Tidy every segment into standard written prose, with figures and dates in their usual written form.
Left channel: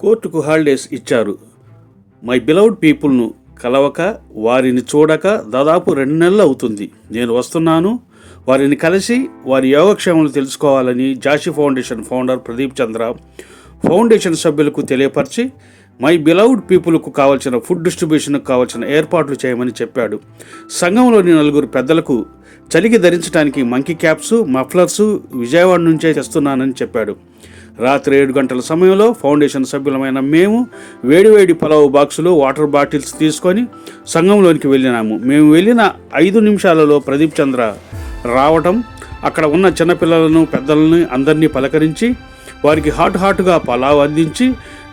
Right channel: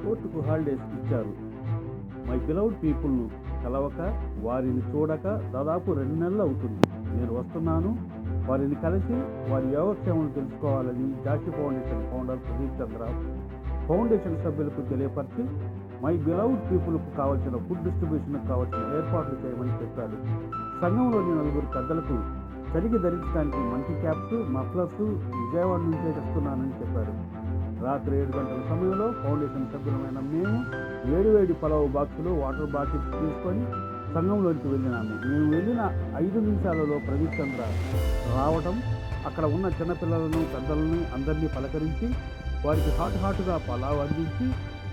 కోర్టుకు హాలిడేస్ ఇచ్చారు. My beloved పీపుల్ను కలవక, వారిని చూడక దాదాపు 2 నెలలు అవుతుంది. నేను వస్తున్నాను. వారిని కలిసి వారి యోగక్షేమాలు తెలుసుకోవాలని జాషి ఫౌండేషన్ ఫౌండర్ ప్రదీప్ చంద్ర ఫౌండేషన్ సభ్యులకు తెలియపరిచి మై బిలౌడ్ పీపుల్కు కావాల్సిన ఫుడ్ డిస్ట్రిబ్యూషన్కు కావాల్సిన ఏర్పాట్లు చేయమని చెప్పాడు. సంఘంలోని 4 పెద్దలకు చలికి ధరించడానికి మంకీ క్యాప్స్, మఫ్లర్సు విజయవాడ నుంచే తెస్తున్నానని చెప్పాడు. రాత్రి 7 గంటల సమయంలో ఫౌండేషన్ సభ్యులమైన మేము వేడివేడి పలావ్ బాక్సులు, వాటర్ బాటిల్స్ తీసుకొని సంఘంలోనికి వెళ్ళినాము. మేము వెళ్ళిన 5 నిమిషాలలో ప్రదీప్ చంద్ర రావటం, అక్కడ ఉన్న చిన్నపిల్లలను, పెద్దలను అందరినీ పలకరించి వారికి హాటుగా పలావ్ అందించి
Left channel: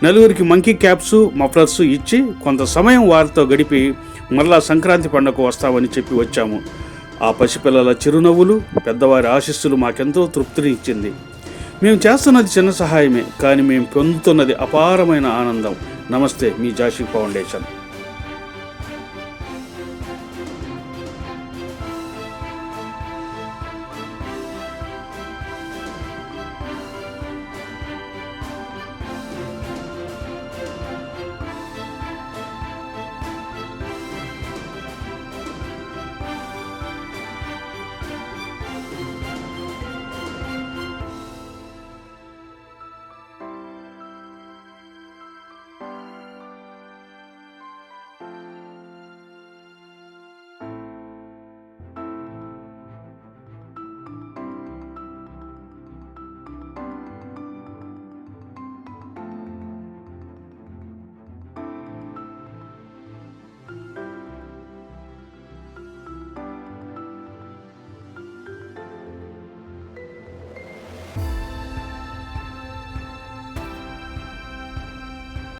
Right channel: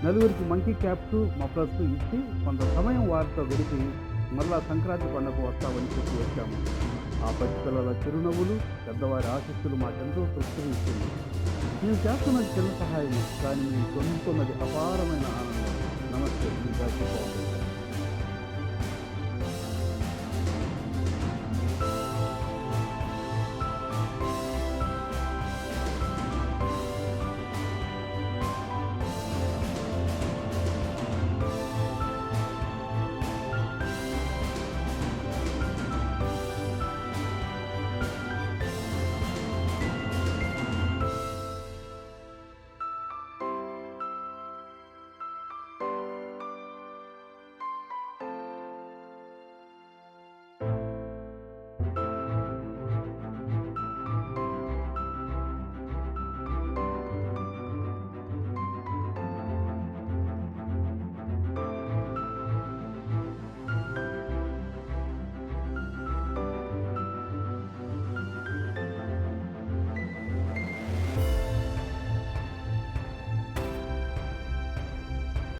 4 మంకీ క్యాప్స్, మఫ్లర్స్ ఇచ్చి కొంత సమయం వారితో గడిపి మరలా సంక్రాంతి పండుగకు వస్తామని చెప్పి వచ్చాము. ఆ పసిపిల్లల చిరునవ్వులు, పెద్దవారి ఆశీస్సులు మాకెంతో తృప్తిని ఇచ్చింది. మేము చేస్తున్నది చిన్న సహాయమే, కానీ మేము పొందుతున్నది అపారమైన ఆనందం. నమస్తే, మీ జాషి ఫౌండేషన్.